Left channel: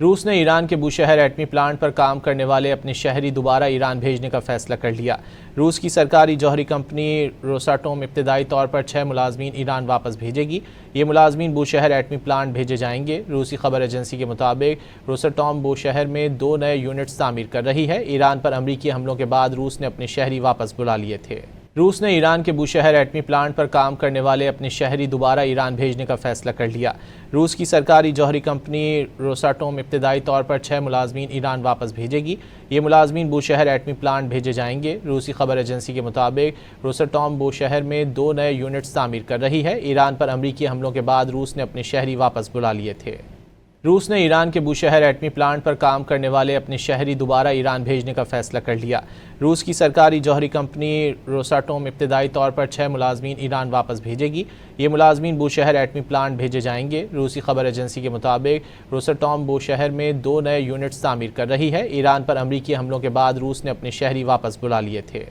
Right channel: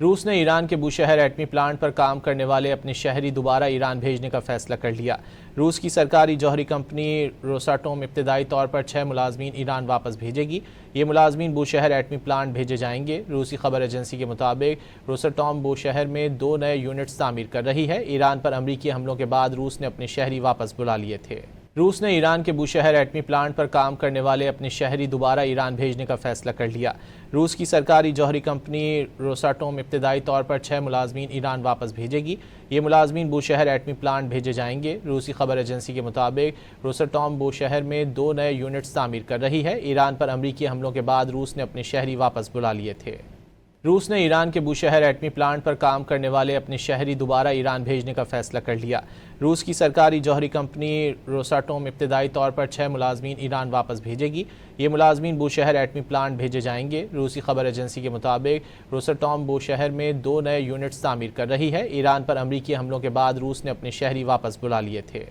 روس نے ایران کے بوشہر ایٹمی پلانٹ پر کام کرنے والے اپنے شہری دوبارہ ایران بھیجنے کا فیصلہ کر لیا۔ روس کی سرکاری جوہری کمپنی روساٹوم ابتدائی طور پر 6 ملازمین ایران واپس بھیجے گی۔ یہ ملازمین بوشہر ایٹمی پلانٹ بھیجے جائیں گے۔ روسی خبر ایجنسی کے مطابق روساٹوم بوشہر میں 2 نئے یونٹس تعمیر کر رہی ہے۔ ایران پر امریکی حملوں کے بعد روس نے اپنے شہری واپس بلا لیے تھے۔ روس نے ایران کے بوشہر ایٹمی پلانٹ پر کام کرنے والے اپنے شہری دوبارہ ایران بھیجنے کا فیصلہ کر لیا۔ روس کی سرکاری جوہری کمپنی روساٹوم ابتدائی طور پر 6 ملازمین ایران واپس بھیجے گی۔ یہ ملازمین بوشہر ایٹمی پلانٹ بھیجے جائیں گے۔ روسی خبر ایجنسی کے مطابق روساٹوم بوشہر میں 2 نئے یونٹس تعمیر کر رہی ہے۔ ایران پر امریکی حملوں کے بعد روس نے اپنے شہری واپس بلا لیے تھے۔ روس نے ایران کے بوشہر ایٹمی پلانٹ پر کام کرنے والے اپنے شہری دوبارہ ایران بھیجنے کا فیصلہ کر لیا۔ روس کی سرکاری جوہری کمپنی روساٹوم ابتدائی طور پر 6 ملازمین ایران واپس بھیجے گی۔ یہ ملازمین بوشہر ایٹمی پلانٹ بھیجے جائیں گے۔ روسی خبر ایجنسی کے مطابق روساٹوم بوشہر میں 2 نئے یونٹس تعمیر کر رہی ہے۔ ایران پر امریکی حملوں کے بعد روس نے اپنے شہری واپس بلا لیے تھے۔